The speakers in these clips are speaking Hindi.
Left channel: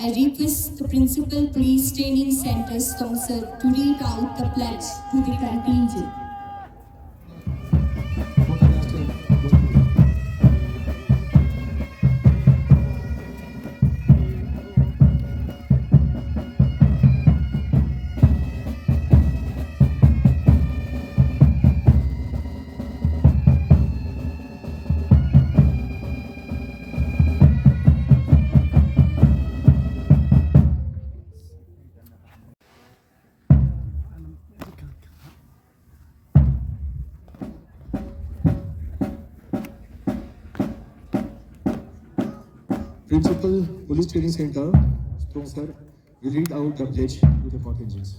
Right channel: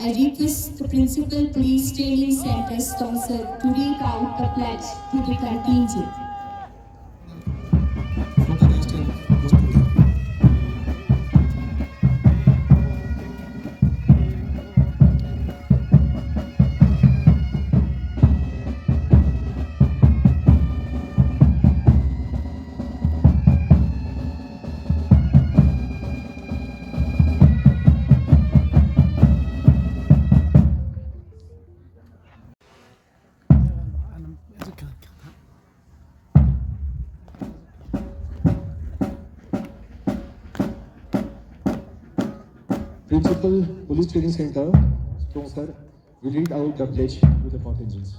I request the principal please training center sponsor to read out the pledge to the contingent. Principal Police Training Center, sponsor, will read out the pledge to the contingents.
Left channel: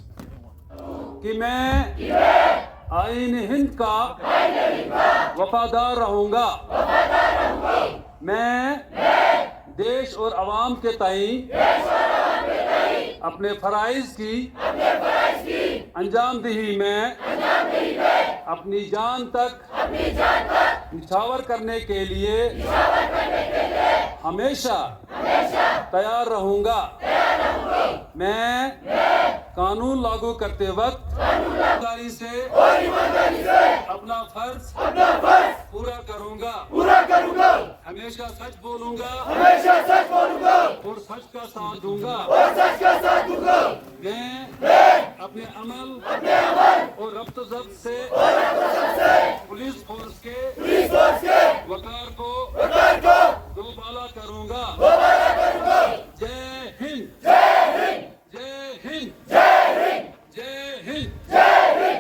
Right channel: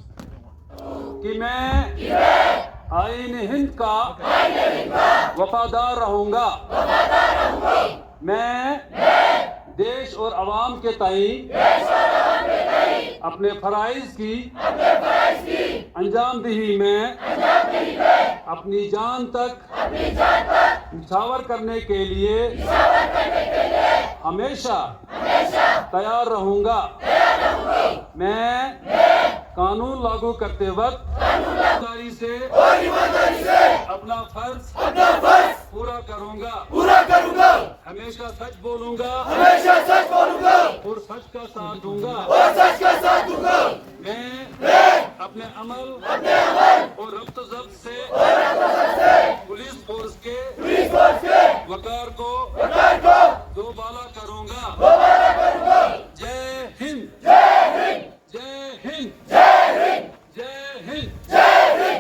कि मैं आईन हिंद का वफादार रहूंगा। मैं देश और आवाम के तई अपने फराइज की अंजामदही में अपनी जान तक निछावर करने के लिए हमेशा तैयार रहूंगा। मैं कानून लागू करते वक्त ईमानदारी से अपना फर्ज पूरा करूंगा। हमेशा सच बोलूंगा और सच का साथ दूंगा। मैं अपने अमल और रब्त ज़ब्त से पुलिस फोर्स के वकार को दोबाला करूंगा। जय हिंद, जय हिंद, जय हिंद, जय हिंद, जय Hind.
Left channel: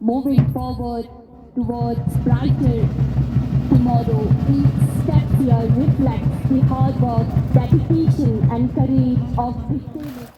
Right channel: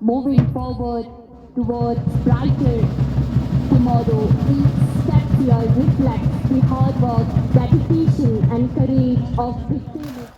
moving forward towards brighter tomorrow. Each step here reflects the hard work, dedication, and courage of 15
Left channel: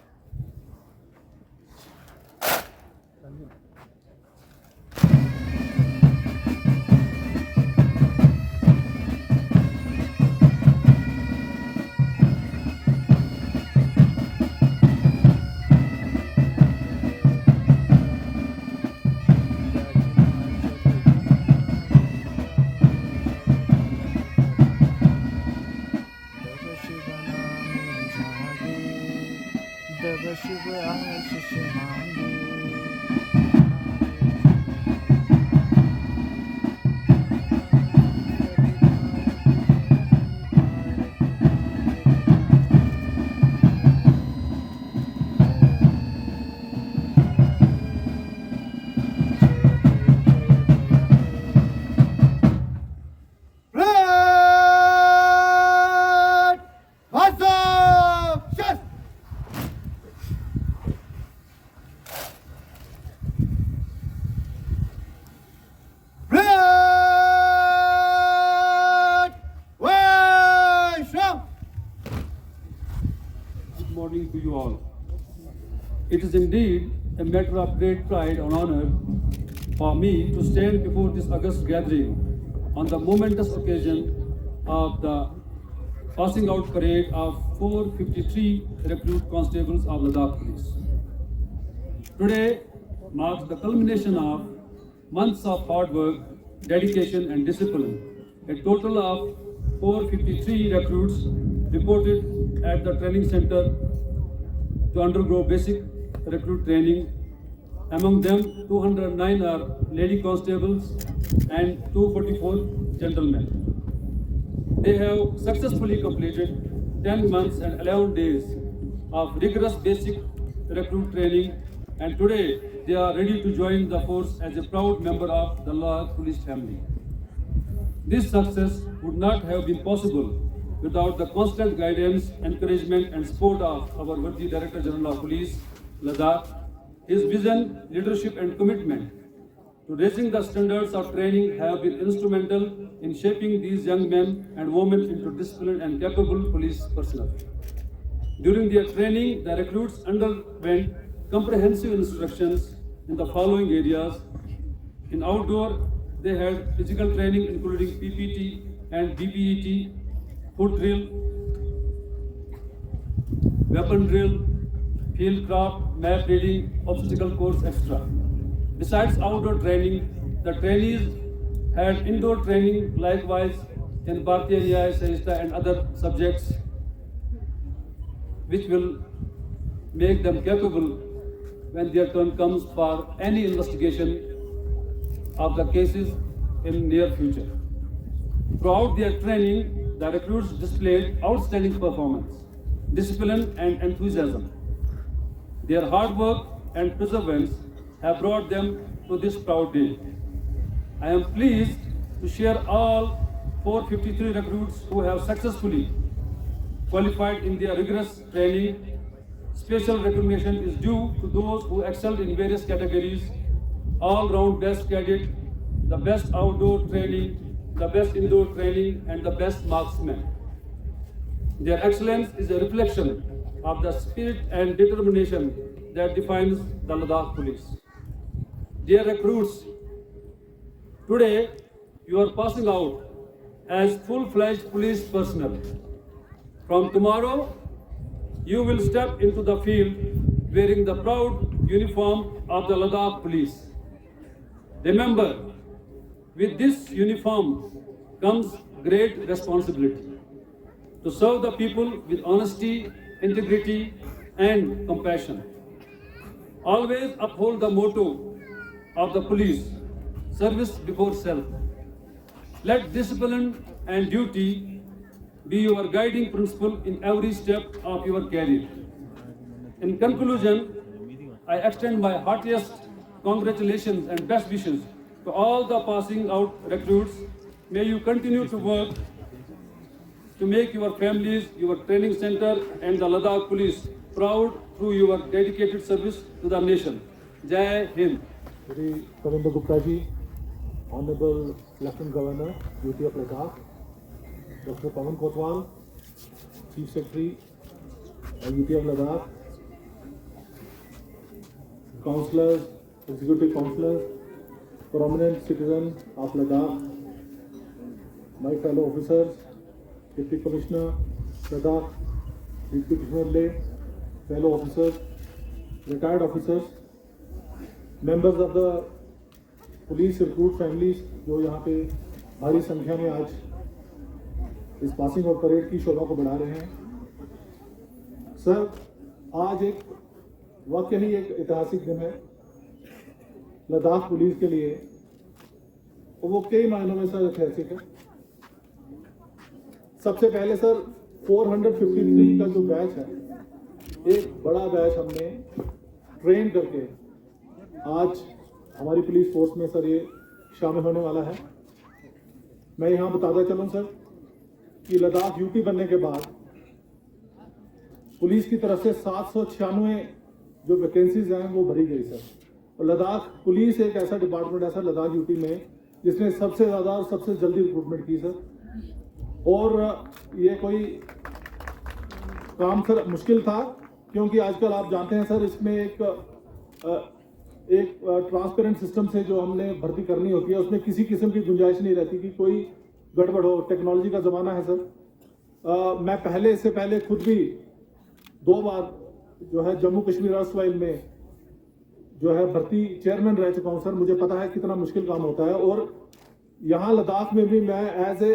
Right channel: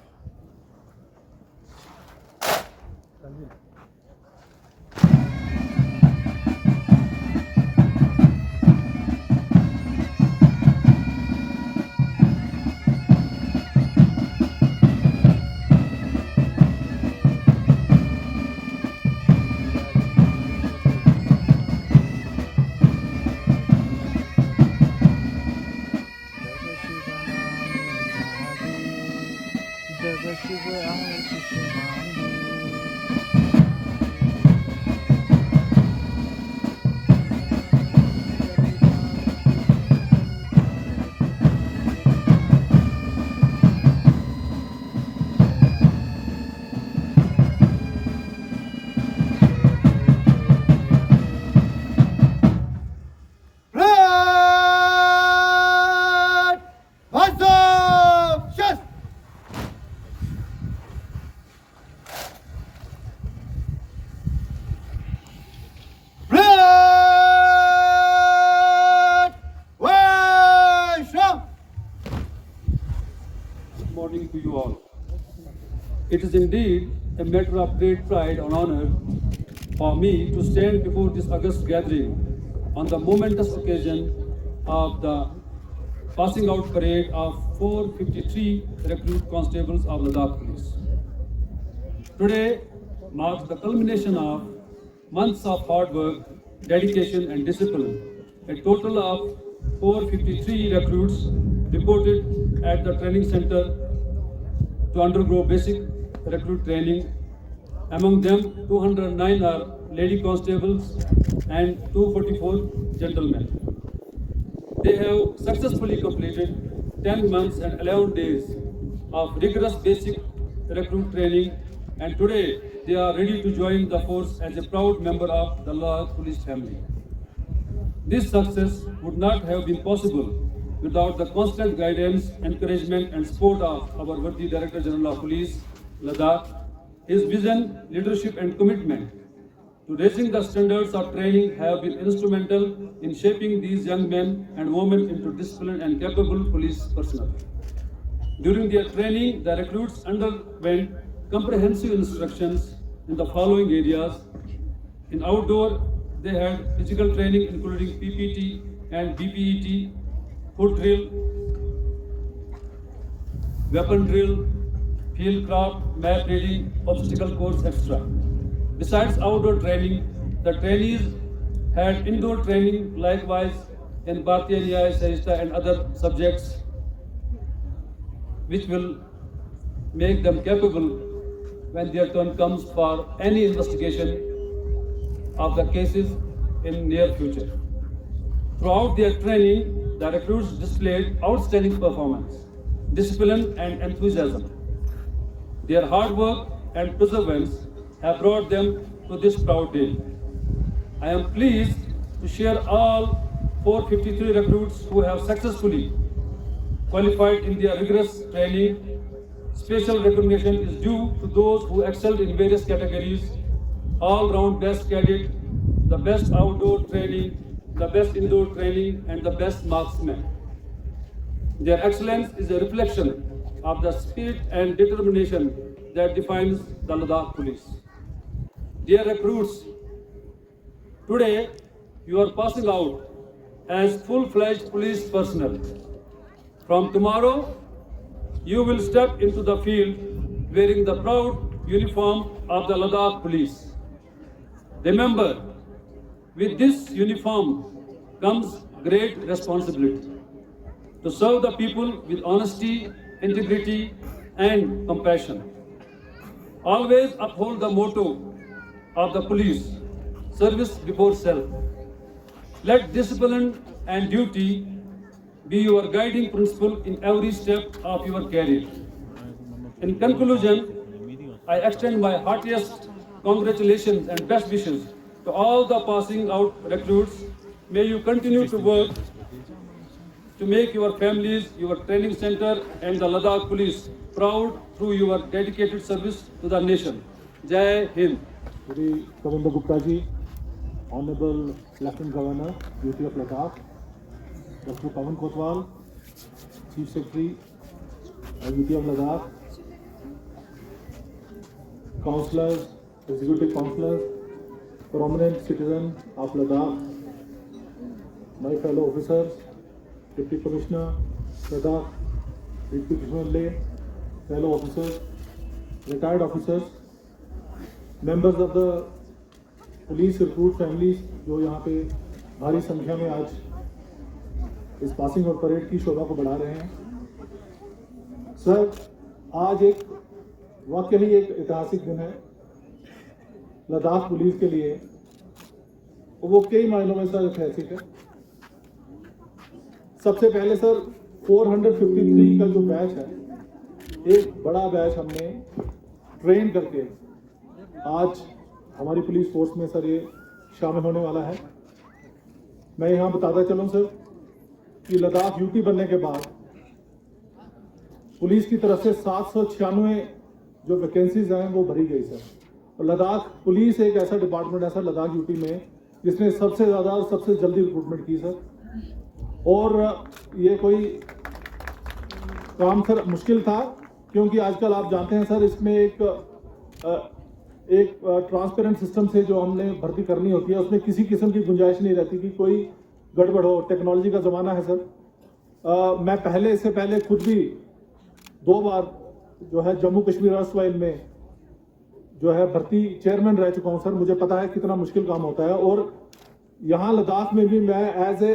Morning to you all. It is indeed a matter of great pride and honor for me to stand before this august gathering on the momentous occasion of the passing out parade of 453 recruit constables of Ladakh Police. Today marks the culmination of months of hard work, dedication and discipline. A total of 453 recruits reported at the training center to undergo basic recruit training. Among them, 209 are lady constables and 244 gentlemen. They have successfully completed 10 months and 11 days of rigorous basic recruit training, and today they are ready to join the force as a proud member of the Ladakh Police family. This success would not have been possible without the constant guidance, encouragement and support of our worthy Director General of Police, Ladakh. His vision, leadership and commitment to raising the standards of training have been instrumental in shaping these young men and women into disciplined and capable police personnel. During their training, the recruits underwent comprehensive instructions in the following areas. In outdoor, they had physical training including PPT and BPET, foot drill, weapon drill, field craft, map reading, obstacle course, etc. Besides outdoor training, the trainees had indoor training likewise in Bharatiya Nyaya Sanhita and other subjects, which will make them capable when their turn comes for any investigation of the cases in near future. Throughout their training, the recruits displayed outstanding performance, discipline and enthusiasm. Their hard work and perseverance have brought them to this proud day. I am pleased to share all 453 recruits who have successfully qualified in their rigorous training. Special recognition is due to those who excelled in various categories: all-round best cadet, the best outdoor training, the best indoor training, and the best marksman. Their excellence is a reflection of the spirit and determination that defines the Ladakh Police. Dear recruits, today you are passing out as full-fledged police personnel. From tomorrow, you will step into the field wearing the proud uniform of the Ladakh Police. Remember, with this uniform comes great responsibility to serve the people with honesty, integrity, and compassion. Always uphold the motto of the police: service before self. Let discipline and duty be your guiding principle in every step of your career. In conclusion, I extend my heartiest congratulations and best wishes to all the passing out recruits. May you continue to work to make your families, your training center and the Ladakh Police proud through your dedicated service to the nation. Jai Hind. Shri Kavinder Gupta ji, Honorable Lieutenant Governor, UT of Ladakh, Dr. Pawan Kotwal, Chief Secretary, UT of Ladakh, councillors, executive councillors, prominent citizens of Ladakh, my fellow officers, Deputy Commissioner, Ladakh, Deputy Commissioner Leh, fellow officers, retired officers, members of the police recruit families जो यहाँ पे भारी संख्या में आज इस पासिंग आउट परेड की शोभा को बढ़ा रहे हैं। सर, आज एक वाकई ही एक ऐतिहासिक दिन है लद्दाख पुलिस के लिए, वो कई मायनों में सर ऐतिहासिक है। सबसे पहले सर 453 का जो बैच है, एक बड़ा बैच हमने ट्रेन करके आज हमारी पुलिस फोर्स में सर ये शामिल होने वाला है। मैं यहाँ बताता चलूँ सर कि लद्दाख यूटी बनने के बाद पुलिस की तरफ से 796 जो वैकेंसीज हैं वो भरी गई सर। और लद्दाख पुलिस एक ऐसा डिपार्टमेंट है सर लद्दाख यूटी में जिसने सबसे ज़्यादा और सबसे जल्दी रिक्रूटमेंट की सर। और ये कोई काम सर मुश्किल था, क्योंकि आजकल आप जानते हैं सर इसमें एक ट्रांसपेरेंट सिस्टम से जो हमने भर्ती करनी होती है उसमें किसी किस्म की गुंजाइश नहीं रहती कि कोई गड़बड़ हो। टेक्नोलॉजी का ज़माना है सर। मैं इससे पहले खुद भी 2 बार जो है जम्मू कश्मीर अर्सवाइल में जो है भर्ती चेयरमैन रह चुका हूँ सर। मुझे पता है कितना मुश्किल काम होता है। और यहाँ लद्दाख में भी मैं एज ए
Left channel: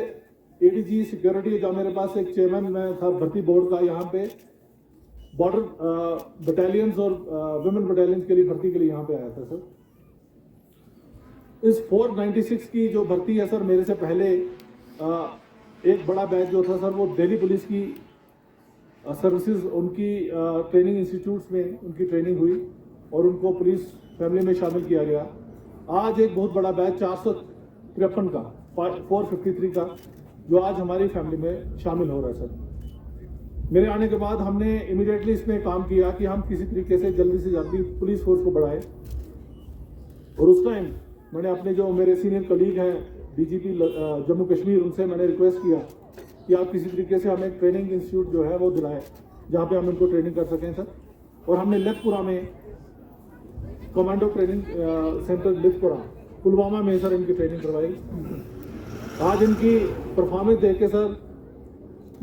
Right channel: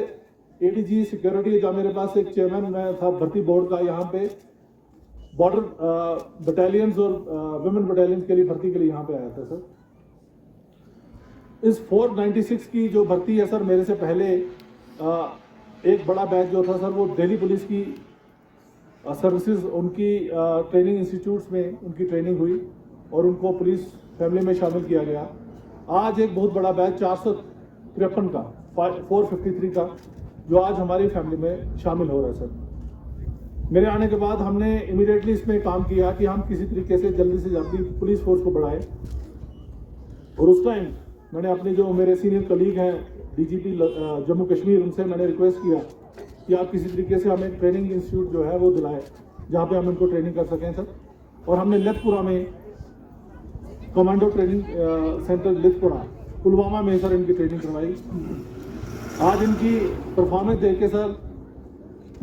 ADG सिक्योरिटी, जहाँ मेरे पास एक चेयरमैन मैं था भर्ती बोर्ड का, यहाँ पे बॉर्डर बटालियंस और वुमेन बटालियंस के लिए भर्ती के लिए यहाँ पे आया था सर। इस 496 की जो भर्ती है सर, मेरे से पहले एक बड़ा बैच जो था सर वो दिल्ली पुलिस की सर्विसेज उनकी ट्रेनिंग इंस्टीट्यूट्स में उनकी ट्रेनिंग हुई और उनको पुलिस फैमिली में शामिल किया गया। आज एक बहुत बड़ा बैच 453 का 453 का जो आज हमारी फैमिली में शामिल हो रहा है सर। मेरे आने के बाद हमने इमीडिएटली इसमें काम किया कि हम किसी तरीके से जल्दी पुलिस फोर्स को बढ़ाएं। और उस टाइम मैंने अपने जो मेरे सीनियर कलीग हैं DGP जम्मू कश्मीर, उनसे मैंने रिक्वेस्ट किया कि आप किसी तरीके से हमें ट्रेनिंग इंस्टीट्यूट जो है वो दिलाएं जहाँ पे हम इनको ट्रेनिंग कर सकें सर। और हमने लेथपुरा में commando training centre Lethpora Pulwama में सर इनकी ट्रेनिंग करवाई। आज इनकी परफॉर्मेंस देख के सर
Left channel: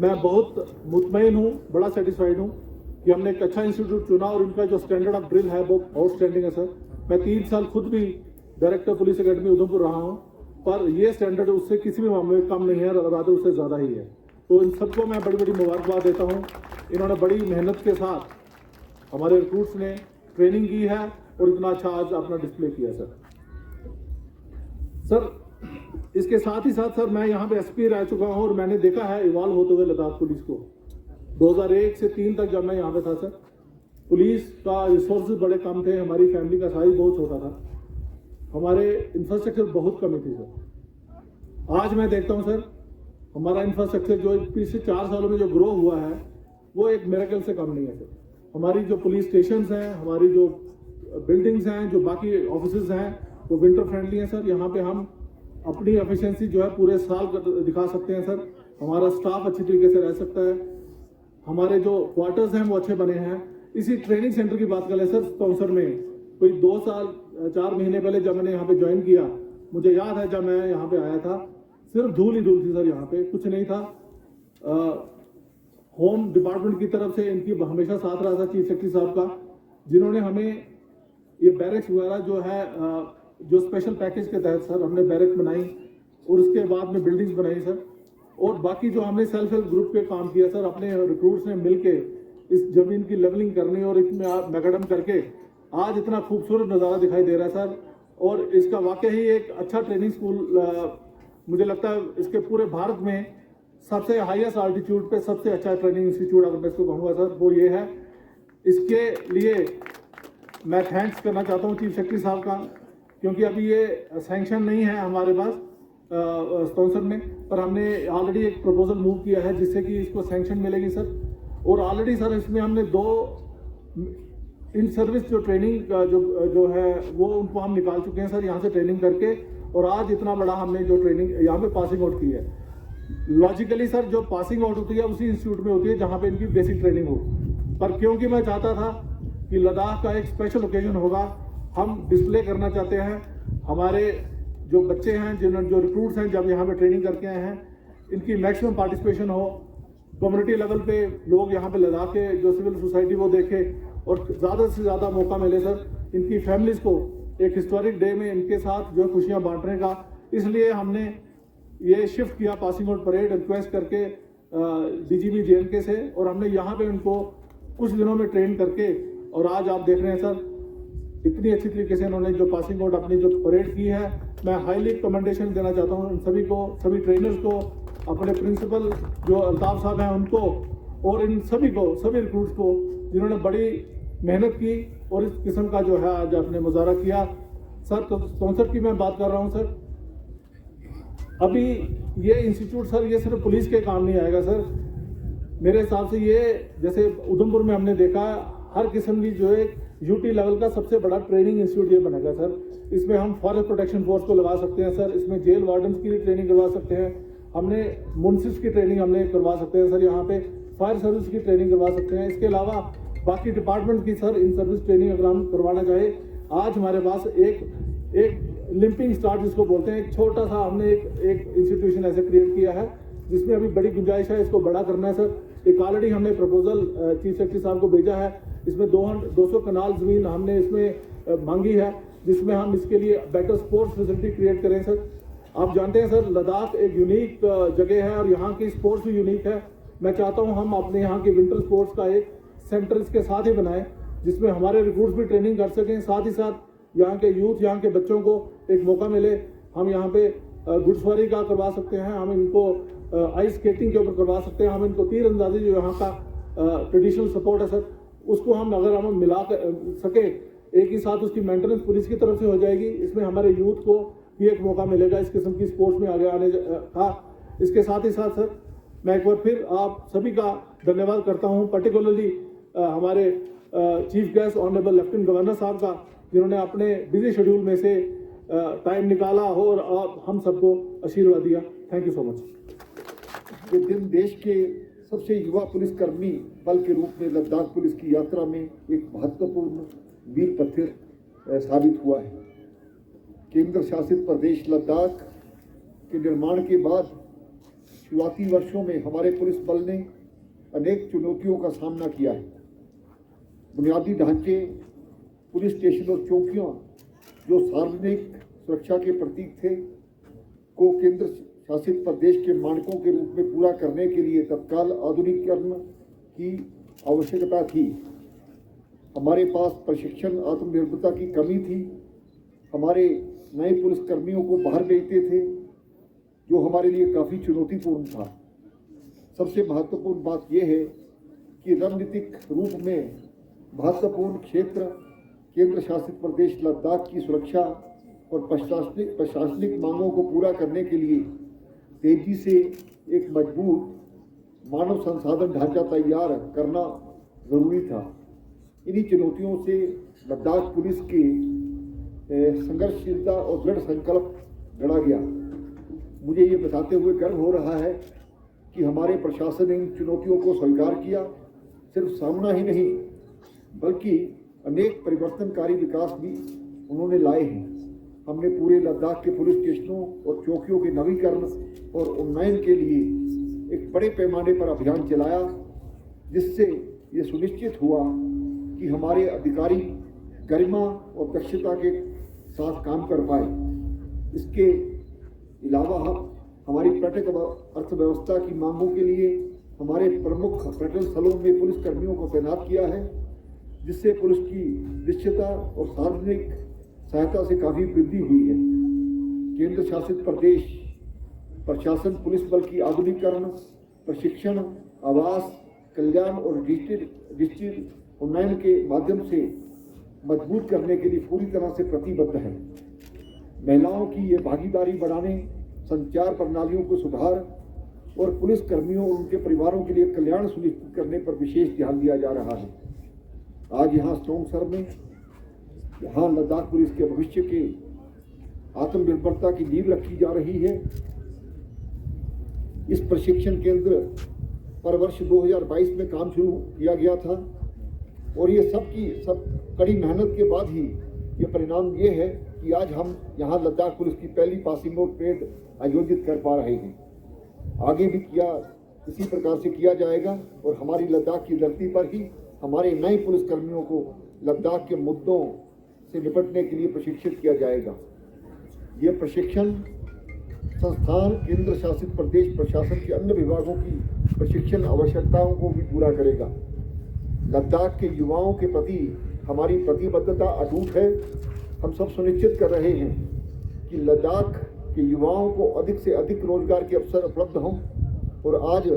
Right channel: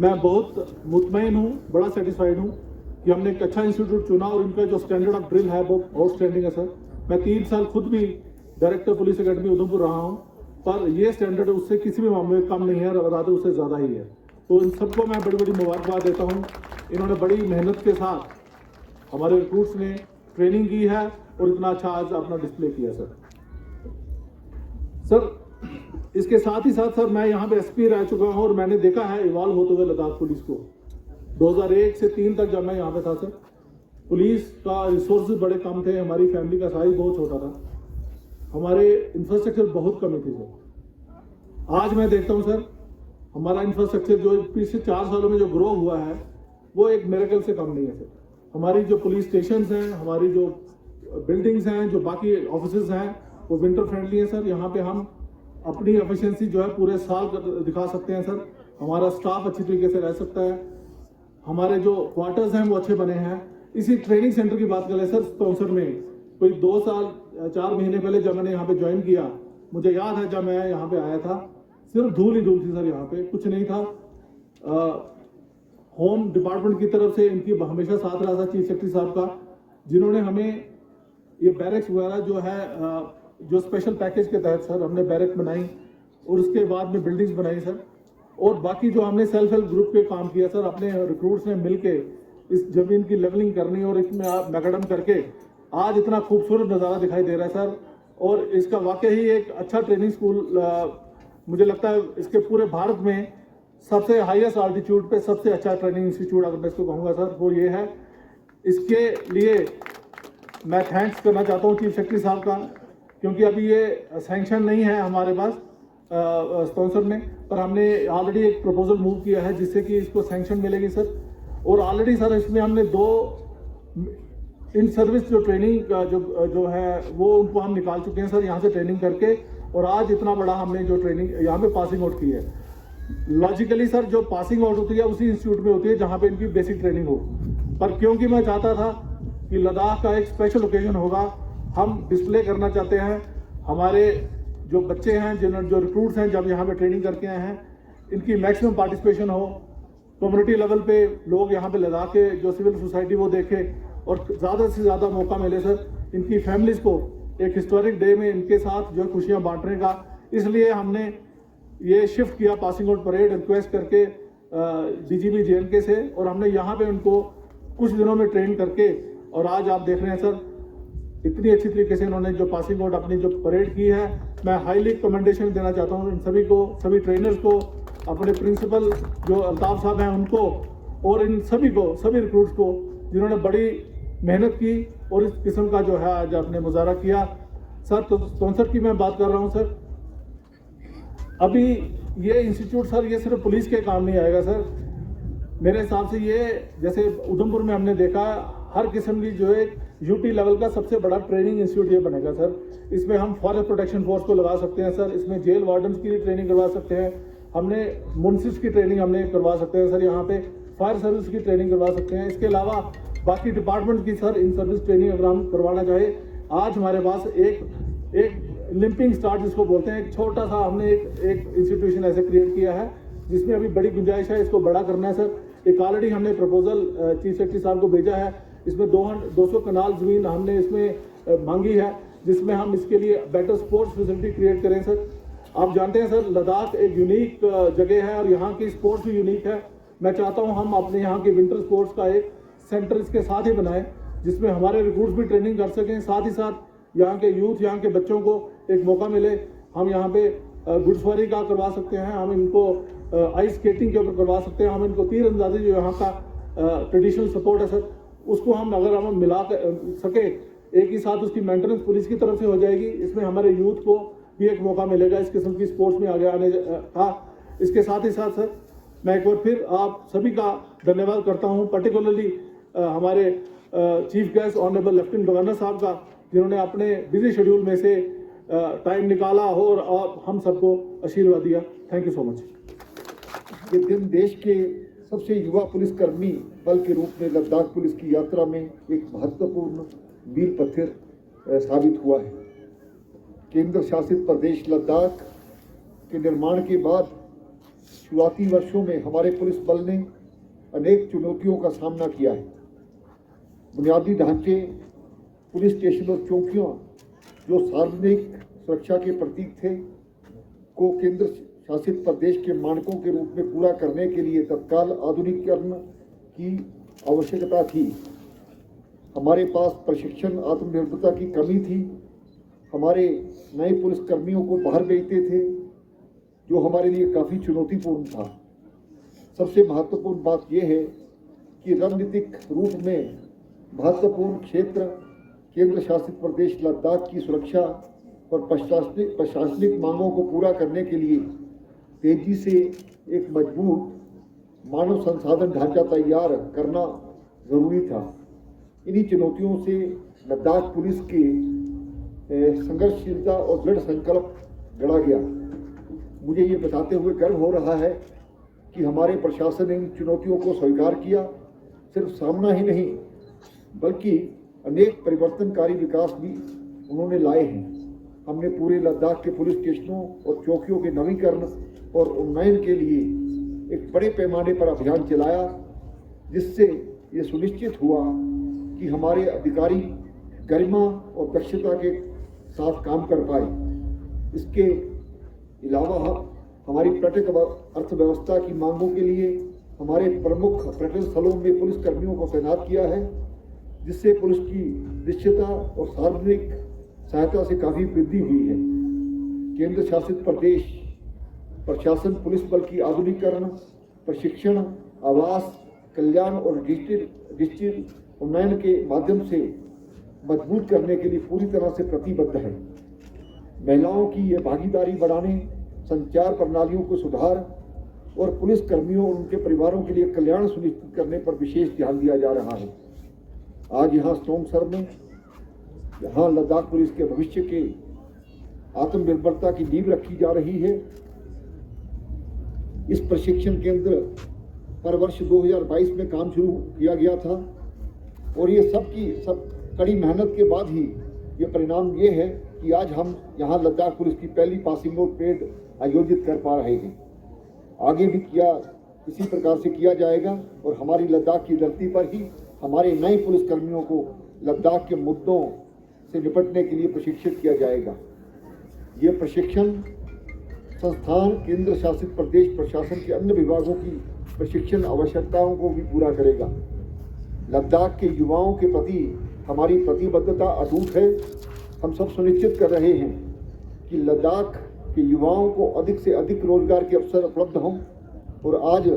मैं बहुत मुतमईन हूँ, बड़ा सेटिस्फाइड हूँ कि हमने एक अच्छा इंस्टीट्यूट चुना और इनका जो स्टैंडर्ड ऑफ ड्रिल है वो आउटस्टैंडिंग है सर। मैं 3 साल खुद भी डायरेक्टर पुलिस अकेडमी उधमपुर रहा हूँ, पर ये स्टैंडर्ड उससे किसी भी मामले में कम नहीं है, रादर उससे ज़्यादा ही है। तो इन सबको मैं बड़ी बड़ी मुबारकबाद देता हूँ। इन्होंने बड़ी मेहनत के साथ हमारे रिक्रूट्स ने ट्रेनिंग की है और इतना अच्छा आज अपना डिस्प्ले किया सर। इसके साथ ही साथ सर मैं यहाँ पे SP रह चुका हूँ और मैंने देखा है इवॉल्व होते हुए लद्दाख पुलिस को। 2001 से 3 तक जब मैं यहाँ पे था सर, पुलिस का रिसोर्सेज बड़े कम थे, हमारी फैमिली का साइज बहुत छोटा था, हमारे इंफ्रास्ट्रक्चर बहुत कमी थी सर। आज मैं देखता हूँ सर हमारा इंफ्रास्ट्रक्चर जो पिछले 4 सालों में जो ग्रो हुआ है वो एक मिरेकल से कम नहीं है सर। हमारी जो पुलिस स्टेशंस हैं, हमारी जो बिल्डिंग्स हैं, जो बाकी ऑफिसेज हैं वो विंटर फ्रेंडली हैं सर। यहाँ पे हम अपनी एफिशिएंसी जो है पूरे साल दिखा सकते हैं सर। हमारा स्टाफ अच्छी तरीके से रह सकता है, हमारे जो क्वार्टर्स हैं वो अच्छे बने हैं। इसी ट्रेनिंग सेंटर की बात करें सर, स्पॉन्सर में कोई 2 साल 4 महीने पहले जब मैंने यहाँ पे ज्वाइन किया, मुझे याद है जब मैं यहाँ पे आया था सिर्फ धूल ही धूल थी सर, यहाँ पे कुछ नहीं था। होम डिपार्टमेंट की तरफ से इनकी हमेशा साथ रहा था चीफ सेक्रेटरी साहब का, जिन्होंने हमें ये बैरक्स वगैरह जो है जो स्पेशल पैकेज के तहत सर हमने बैरक बनाई और उसके बाद में बिल्डिंग्स बनाई सर। और बाकी जो हमने सेल्फ हेल्प ग्रुप पे काम किया सर, अपने रिक्रूट्स ने मिलके इस जमीन की लेवलिंग करनी और इसमें मैकेडम करके आज इतना खूबसूरत नज़ारा दिखाई दे रहा है सर। और इसका वाकई ही एक अच्छा ट्रेनिंग स्कूल मुझे लगता है इसके पूरे भारत में सबसे हाईएस्ट आल्टीट्यूड पे सबसे अच्छा ट्रेनिंग इंस्टीट्यूट अगर मैं इसको कहूँगा सर वो ये है। इसके लिए मैं थैंक्स करना चाहता हूँ चीफ सेक्रेटरी साहब का, क्योंकि अभी ये सैंक्शन नहीं है हमारे पास स्पॉन्सर में, पर हमने ऑलरेडी एक प्रपोजल मूव किया है जिससे कि इसको सैंक्शन मिलेगी सर। और ऑलरेडी सर इसमें हमने 2 इन सर्विस जो ट्रेनिंग जो है वो उनको हम निकाल चुके हैं सर यहाँ से ट्रेनिंग करके, और आज इतना बड़ा हमने जो ट्रेनिंग यहाँ पे पासिंग आउट की है। लॉजिकली सर जो पासिंग आउट होती है उसी इंस्टीट्यूट में होती है जहाँ पे इनकी बेसिक ट्रेनिंग हो, पर क्योंकि मैं चाहता था कि लद्दाख का एक स्पेशल ओकेजन होगा, हम डिस्प्ले करना चाहते हैं हमारे जो बच्चे हैं जो रिक्रूट्स हैं जब यहाँ पे ट्रेनिंग करके आए हैं, इनकी मैक्सिमम पार्टिसिपेशन हो, कम्युनिटी लेवल पे लोग यहाँ पे लद्दाख के जो सिविल सोसाइटी वो देखे और ज़्यादा से ज़्यादा मौका मिले सर इनकी फैमिलीज़ को एक हिस्टोरिक डे में इनके साथ जो खुशियाँ बांटने का। इसलिए हमने ये शिफ्ट किया पासिंग आउट परेड रिक्वेस्ट करके DGP JNK से, और हमने यहाँ पे उनको कुछ दिनों में ट्रेन करके, और आज आप देख रहे हैं सर इतनी अच्छी तरीके से इन्होंने जो पासिंग आउट अपनी जो परेड की है। मैं हाईली कमेंडेशन देना चाहता हूँ इन सभी को, सभी ट्रेनर्स को, अपने प्रिंसिपल जो अल्ताफ साहब हैं उनको, और इन सभी को, सभी रिक्रूट्स को जिन्होंने बड़ी मेहनत की और इस किस्म का जो है आज आपने मुजाहरा किया। सर तो स्पॉन्सर की मैं बात कर रहा हूँ सर, अभी ये इंस्टीट्यूट सर ये सिर्फ पुलिस के काम नहीं आएगा सर, मेरे हिसाब से ये जैसे उधमपुर में हमने देखा हर किस्म की जो है UT लेवल का सबसे बड़ा ट्रेनिंग इंस्टीट्यूट ये बनेगा सर। इसमें हम फॉरेस्ट प्रोटेक्शन फोर्स को लगा सकते हैं सर, इसमें जेल वार्डन्स की ट्रेनिंग करवा सकते हैं, हमने मुंसिफ की ट्रेनिंग हमने करवा सकते हैं सर, यहाँ पे फायर सर्विस की ट्रेनिंग करवा सकते हैं। इसके अलावा बाकी डिपार्टमेंट की सर इन सर्विस ट्रेनिंग अगर हम करवाना चाहे, आज हमारे पास एक लिंपिंग स्टार्ट जिसको बोलते हैं, एक छोटा सा हमने एक इंस्टीट्यूशन ऐसे क्रिएट किया है जिसमें अभी बड़ी गुंजाइश है, इसको बड़ा करना है सर। एक ऑलरेडी हमने प्रपोजल चीफ सेक्रेटरी साहब को भेजा है, इसमें 200 कनाल ज़मीन हमने इसमें मांगी है, जिसमें हम इसके लिए बेटर स्पोर्ट्स फैसिलिटी क्रिएट करें सर। आप जानते हैं सर लद्दाख एक यूनिक जगह है और यहाँ की स्पोर्ट्स भी यूनिक है। मैं चाहता हूँ हम अपने यहाँ के विंटर स्पोर्ट्स का एक सेंटर इसके साथ ही बनाएं, जिसमें हमारे रिक्रूट्स भी ट्रेनिंग कर सकें, साथ ही साथ यहाँ के यूथ, यहाँ के बच्चों को एक मौका मिले। हम यहाँ पे घुड़सवारी का करवा सकते हैं, हम इनको आइस स्केटिंग के ऊपर करवा सकते हैं, हम इनको तीर अंदाजी जो यहाँ का ट्रेडिशनल सपोर्ट है सर, उसको हम अगर हम मिला सके एक ही साथ, उसकी मेंटेनेंस पुलिस की तरफ से हो जाएगी। इसमें हमारे यूथ को भी एक मौका मिलेगा इस किस्म की स्पोर्ट्स में आगे आने का। इसके साथ ही साथ सर मैं एक बार फिर आप सभी का धन्यवाद करता हूँ, पर्टिकुलरली हमारे chief guest honourable lieutenant governor साहब का, जिन्होंने अपने बिजी शेड्यूल में से टाइम निकाला और हम सबको आशीर्वाद दिया। Thank you so much. ये दिन देश के सबसे युवा पुलिसकर्मी बल के रूप में लद्दाख पुलिस की यात्रा में एक महत्वपूर्ण मील पत्थर साबित हुआ है। केंद्र शासित प्रदेश लद्दाख के निर्माण के बाद शुरुआती वर्षों में हमारे पुलिस बल ने अनेक चुनौतियों का सामना किया है। बुनियादी ढांचे, पुलिस स्टेशन और चौकियां जो सार्वजनिक सुरक्षा के प्रतीक थे, को केंद्र शासित प्रदेश के मानकों के रूप में पूरा करने के लिए तत्काल आधुनिकीकरण की आवश्यकता थी। हमारे पास प्रशिक्षण, आत्मनिर्भरता की कमी थी। हमारे नए पुलिसकर्मियों को बाहर भेजते थे, जो हमारे लिए काफ़ी चुनौतीपूर्ण था। सबसे महत्वपूर्ण बात यह है कि रणनीतिक रूप में महत्वपूर्ण क्षेत्र केंद्र शासित प्रदेश लद्दाख की सुरक्षा और प्रशासनिक मांगों को पूरा करने के लिए तेजी से एक मजबूत मानव संसाधन ढांचा तैयार करना जरूरी था। इन्हीं चुनौतियों से लद्दाख पुलिस के संघर्षशीलता और दृढ़ संकल्प गढ़ा गया। मुझे ये बताते हुए गर्व हो रहा है कि हमारे प्रशासन ने इन चुनौतियों को स्वीकार किया। सिर्फ सामना ही नहीं, बल्कि अनेक परिवर्तनकारी विकास भी उन्होंने लाए हैं। हमने पूरे लद्दाख के पुलिस स्टेशनों और चौकियों के नवीकरण और उन्नयन के लिए एक बड़े पैमाने पर अभियान चलाया, जिससे ये सुनिश्चित हुआ कि हमारे अधिकारी गरिमा और दक्षता के साथ काम कर पाए। इसके अलावा हमारी पर्यटक अर्थव्यवस्था की मांगों के लिए हमारे प्रमुख पर्यटन स्थलों में पुलिस कर्मियों को तैनात किया है, जिससे पुलिस की दृश्यता और सार्वजनिक सहायता से काफ़ी वृद्धि हुई है। केंद्र शासित प्रदेश प्रशासन पुलिस बल की आधुनिकीकरण, प्रशिक्षण, आवास, कल्याण और डिजिटल उन्नयन के माध्यम से मजबूत करने के लिए पूरी तरह से प्रतिबद्ध है। महिलाओं की ये भागीदारी बढ़ाने, संचार प्रणालियों को सुधार और पुलिस कर्मियों और उनके परिवारों के लिए कल्याण सुनिश्चित करने पर विशेष ध्यान दिया जा रहा है। आज यहाँ स्ट्रोंगसर में यहाँ लद्दाख पुलिस के भविष्य के आत्मनिर्भरता की नींव रखी जा रही है। इस प्रशिक्षण केंद्र पर वर्ष 2022 में काम शुरू किया गया था और ये सब कड़ी मेहनत के बाद ही ये परिणाम ये है कि आज हम यहाँ लद्दाख पुलिस की पहली पासिंग आउट परेड आयोजित कर पा रहे हैं। आगे भी इसी प्रकार से किया जाएगा और हमारी लद्दाख की धरती पर ही हमारे नए पुलिसकर्मियों को लद्दाख के मुद्दों से निपटने के लिए प्रशिक्षित किया जाएगा। ये प्रशिक्षण संस्थान केंद्र शासित प्रदेश प्रशासन के अन्य विभागों की प्रशिक्षण आवश्यकताओं को भी पूरा करेगा। लद्दाख के युवाओं के प्रति हमारी प्रतिबद्धता अटूट है। हम सब सुनिश्चित कर रहे हैं कि लद्दाख के युवाओं को अधिक से अधिक रोजगार के अवसर उपलब्ध हों और आज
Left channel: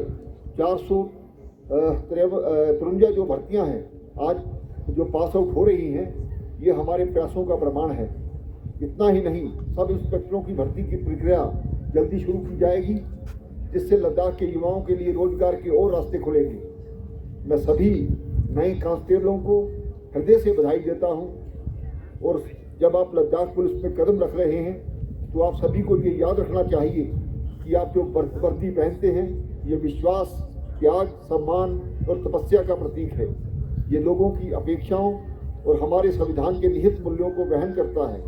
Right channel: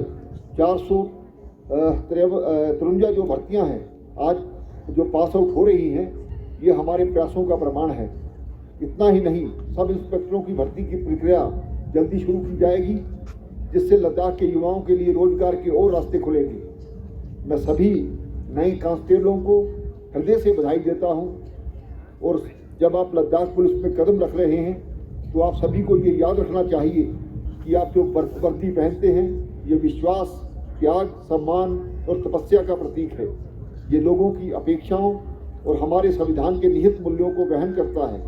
453 जो भर्तियां हैं आज जो पास आउट हो रही हैं, ये हमारे प्रयासों का प्रमाण है। इतना ही नहीं, सब इंस्पेक्टरों की भर्ती की प्रक्रिया जल्दी शुरू की जाएगी, जिससे लद्दाख के युवाओं के लिए रोजगार के और रास्ते खुलेंगे। मैं सभी नए कांस्टेबलों को हृदय से बधाई देता हूं और जब आप लद्दाख पुलिस में कदम रख रहे हैं तो आप सभी को ये याद रखना चाहिए कि आप जो वर्दी पहनते हैं ये विश्वास, त्याग, सम्मान और तपस्या का प्रतीक है। ये लोगों की अपेक्षाओं और हमारे संविधान के निहित मूल्यों को वहन करता है।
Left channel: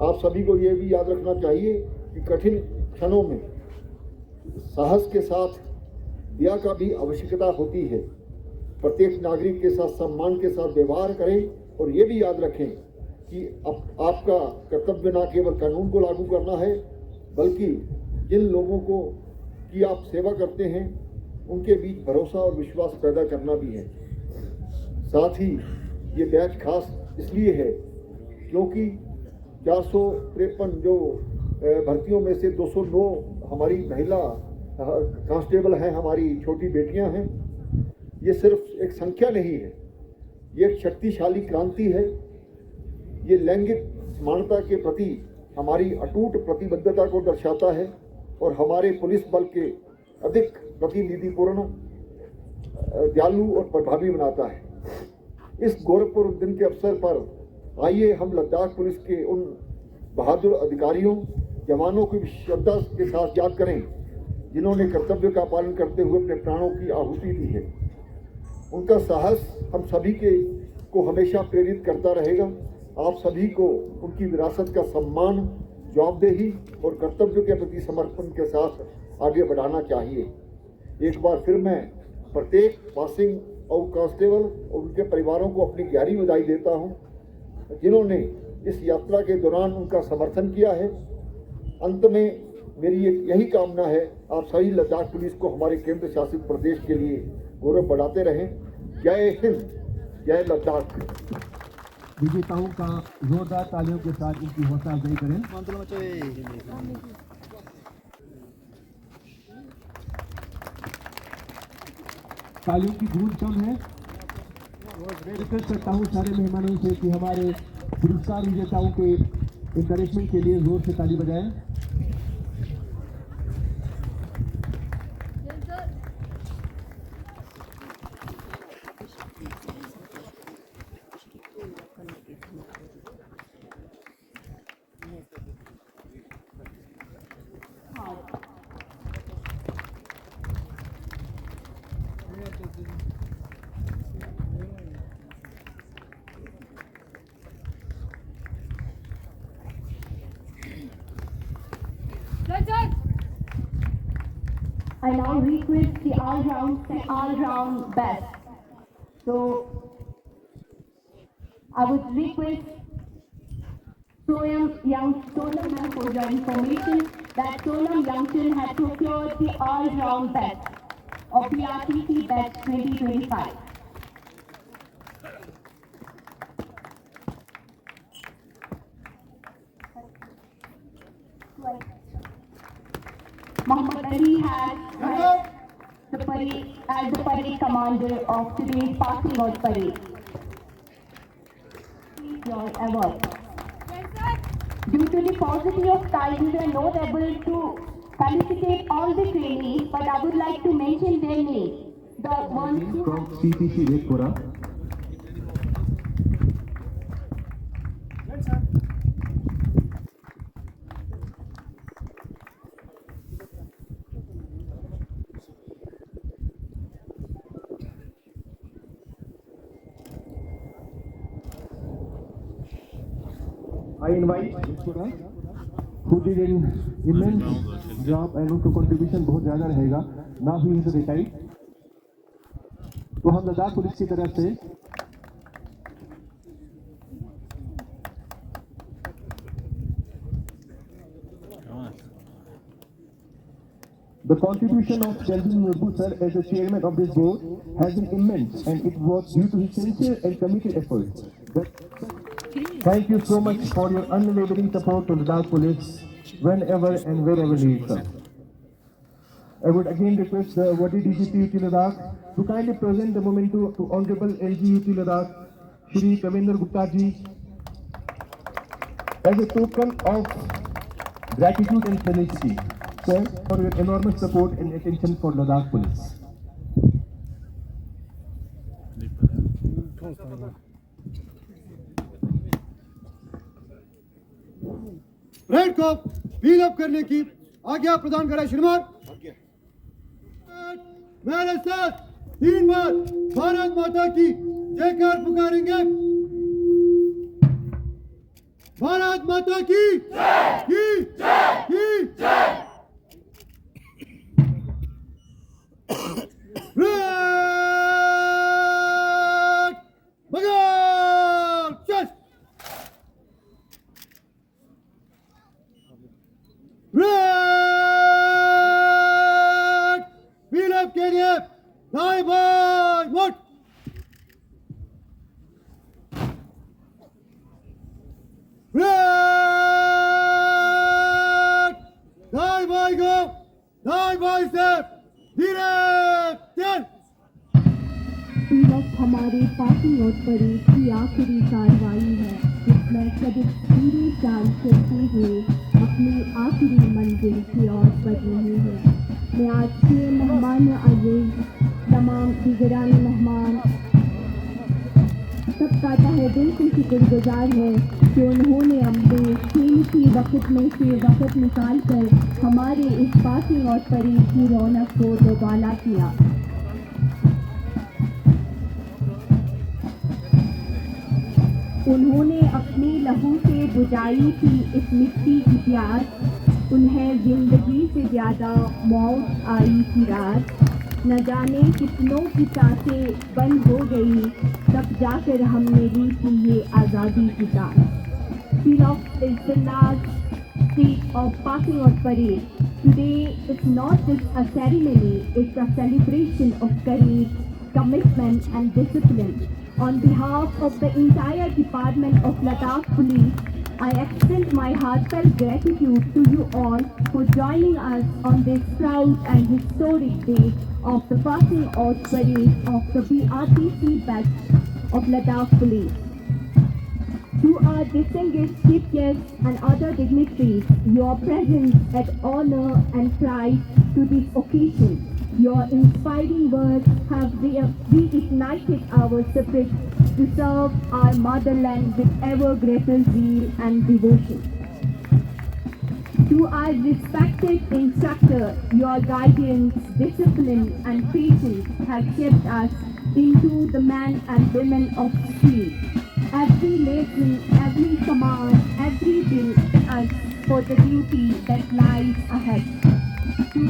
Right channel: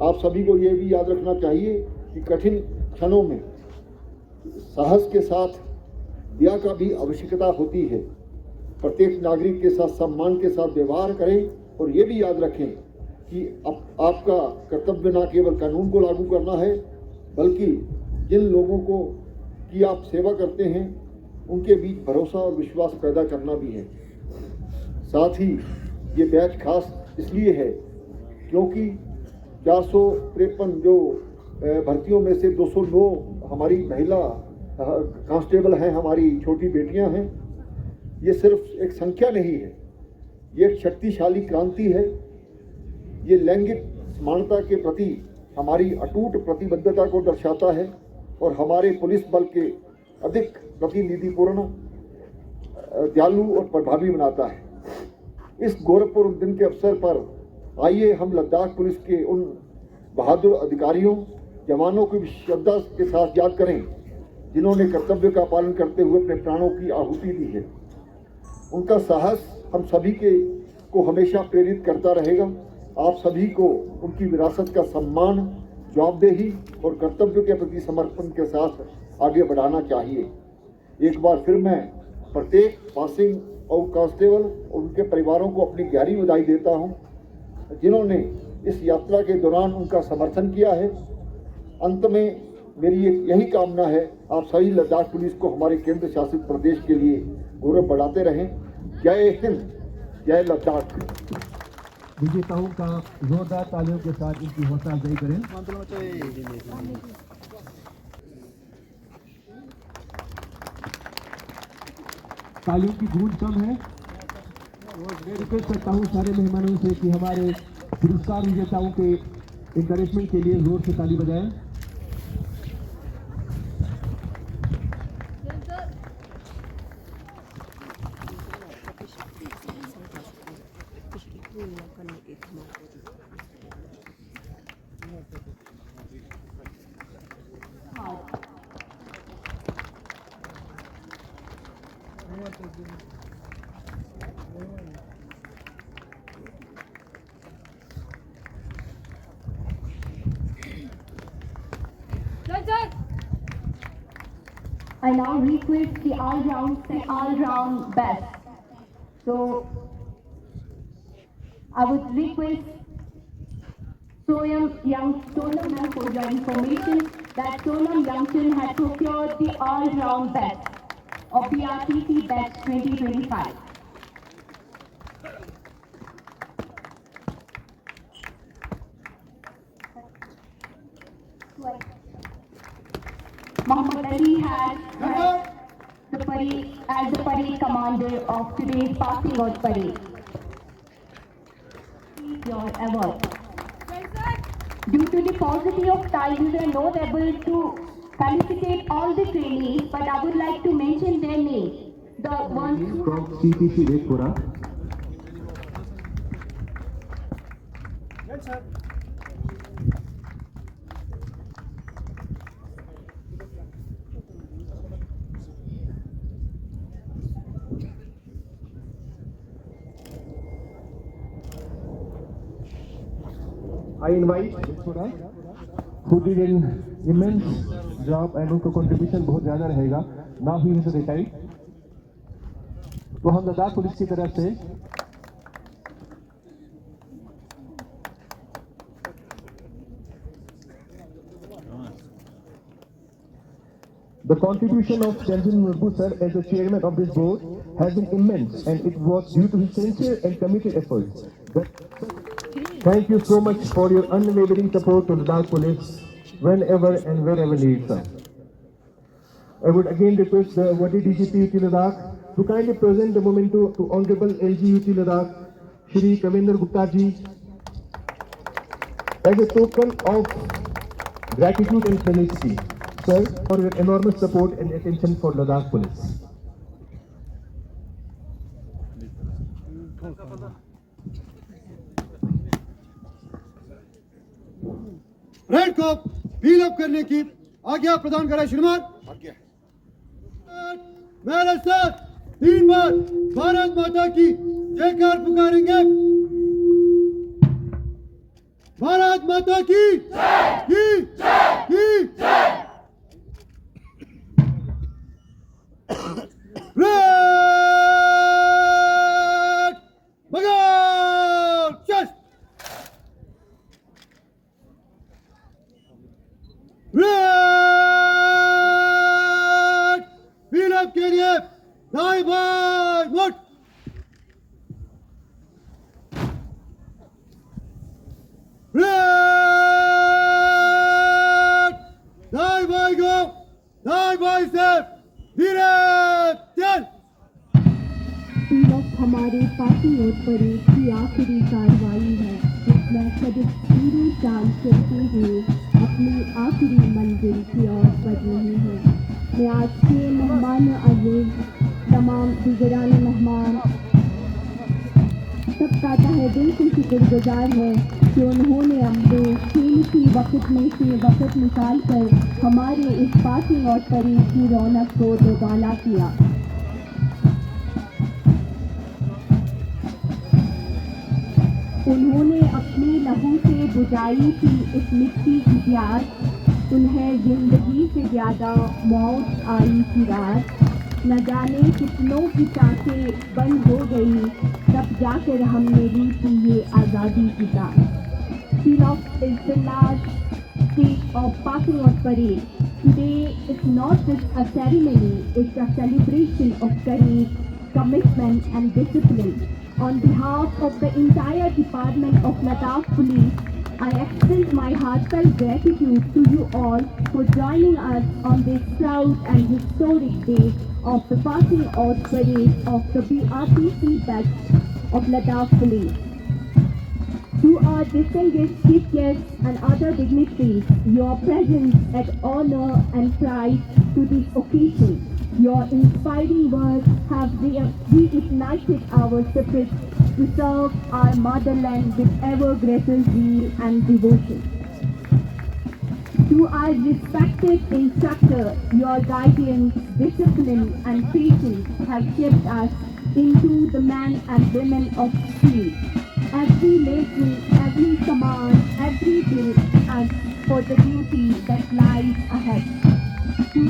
आप सभी को ये भी याद रखना चाहिए कि कठिन क्षणों में साहस के साथ दया का भी आवश्यकता होती है। प्रत्येक नागरिक के साथ सम्मान के साथ व्यवहार करें और ये भी याद रखें कि आपका कर्तव्य न केवल कानून को लागू करना है, बल्कि जिन लोगों को की आप सेवा करते हैं उनके बीच भरोसा और विश्वास पैदा करना भी है। साथ ही ये बैच खास इसलिए है क्योंकि 453 जो भर्तियों में से 209 हमारी महिला कांस्टेबल हैं, हमारी छोटी बेटियां हैं। ये सिर्फ एक संख्या नहीं है, ये एक शक्तिशाली क्रांति है। ये लैंगिक समानता के प्रति हमारी अटूट प्रतिबद्धता को दर्शाता है और हमारे पुलिस बल के अधिक प्रतिनिधिपूर्ण, दयालु और प्रभावी बनाता है। इस गौरवपूर्ण दिन के अवसर पर आइए हम लद्दाख पुलिस के उन बहादुर अधिकारियों, जवानों को श्रद्धा के साथ याद करें जिन्होंने कर्तव्य का पालन करते हुए अपने प्राणों की आहुति दी है। उनका साहस हम सभी को हमेशा प्रेरित करता रहेगा। आप सभी को उनकी विरासत का सम्मान, जवाबदेही और कर्तव्य के प्रति समर्पण के साथ आगे बढ़ाना चाहिए। एक बार फिर मैं प्रत्येक पासिंग आउट कांस्टेबल और उनके परिवारों को अपनी गहरी बधाई देता हूं, जिन्होंने इस यात्रा के दौरान उनका समर्थन किया है। अंत में मेरी यही कामना है, आप सभी लद्दाख पुलिस को हमारे केंद्र शासित प्रदेश के लिए गौरव बढ़ाते रहें। जय हिंद, जय लद्दाख। विजेताओं का जोरदार तालियों के साथ इनकी हौसला अफजाई करें। तालियों की गूंज कम है। मैं रिक्वेस्ट करता हूँ सारे मेहमानों से कि हमारे पुरस्कार विजेताओं के एनकरेजमेंट के लिए जोर से ताली बजाएं। I now request the all-round best. So I would request Sonam Young for your information that Sonam Youngson had procured the all-round best of the RTC batch 2025. Muhammad Ali has the parade as the parade commander of today's passing out parade. Your award. Due to the paucity of time, we are not able to felicitate all the trainees, but I would like to mention their names. The ones who from CPC Vedpura. I invite who did an immense job and उनका contribution बहुत ज़्यादा रहेगा. Now he is retired. तो हम लद्दाख पुलिस की तरफ से the contribution of Shelvin Murgu sir as the chairman of this board has been immense, and it was due to his sincere and committed efforts. Thank you so much for your unwavering support to Ladakh Police whenever and wherever needed, sir. I would again request the Wadi DGP UT Ladakh to kindly present the memento to Honorable LG UT Ladakh, Shri Kavendra Gupta ji, as a token of gratitude and tenacity, sir, for your enormous support and attention for Ladakh Police. Red को व्हील अप करने की आज्ञा प्रदान करें श्रीमान। मेरे साथ 3 बार भारत माता की जयकार पुकारेंगे। भारत माता की रेड मगर चल रेड व्हील अप के लिए दाएं बाएं मुड़ रेड दाएं बाएं गो दाएं बाएं से धीरे चल। तीरथ हमारे पार्टी और परेड की आखिरी कार्रवाई है, जिसमें सदिक पूरी चाल चलते हुए अपनी आखिरी मंजिल की ओर बढ़ रहे हैं। मैं आज के मेहमान अजीज तमाम दीगरान मेहमान सबका तहे दिल से शुक्रगुजार है कि उन्होंने अपने कीमती वक्त में से वक्त निकाल कर हमारे इस पार्टी और परेड की रौनक को दोबाला किया। उन्होंने अपने लहू से बुझाई थी इस मिट्टी की प्यास, उन्हें जिंदगी से ज्यादा मौत आई थी रात। न जाने कितनों की सांसें बंद हो गई, तब जाकर हमने ली थी ये आज़ादी की सांस। Tilak is the last speech of passing out parade. Today is not just a ceremony, it's a celebration of courage, commitment and discipline. On behalf of the entire Department of Ladakh Police, I extend my heartfelt gratitude to you all for joining us on this proud and historic day of the passing out parade of the BRTC batch of Ladakh Police. To our distinguished chief guests and other dignitaries, your presence adds honor and pride to this occasion. Your inspiring words have reignited our spirit to serve our motherland with ever greater zeal and devotion. To our respected instructor, your guidance, discipline and patience have shaped us into the men and women of steel. Every lesson, every command, every day us for the duty that lies ahead. To